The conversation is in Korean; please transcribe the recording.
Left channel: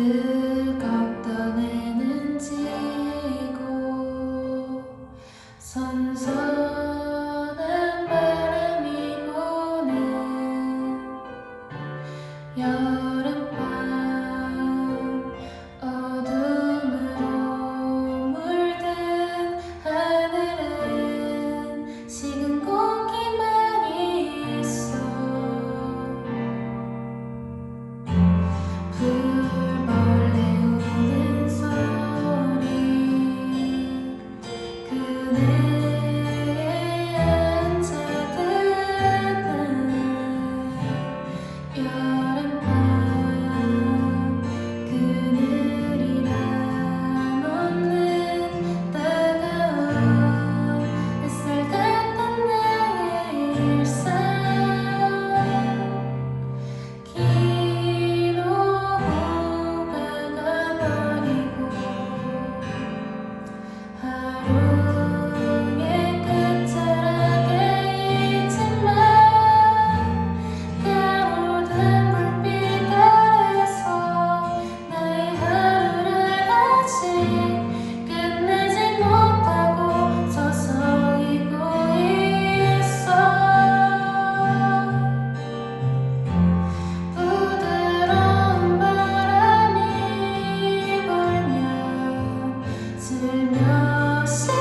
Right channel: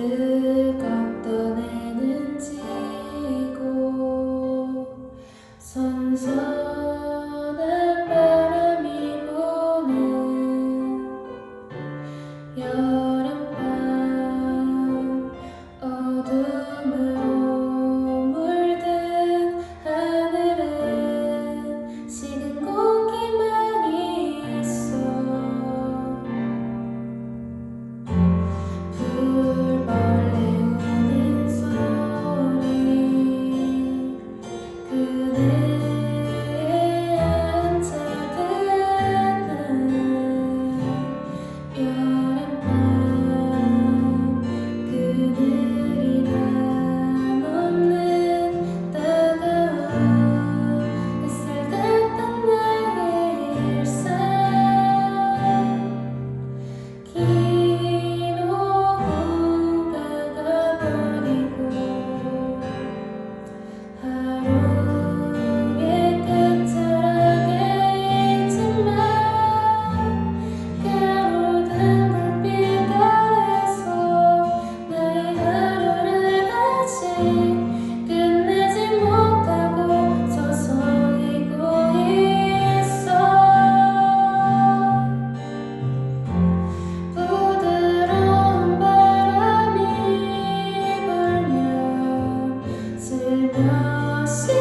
뜨겁던 해는 지고 선선 Nossa.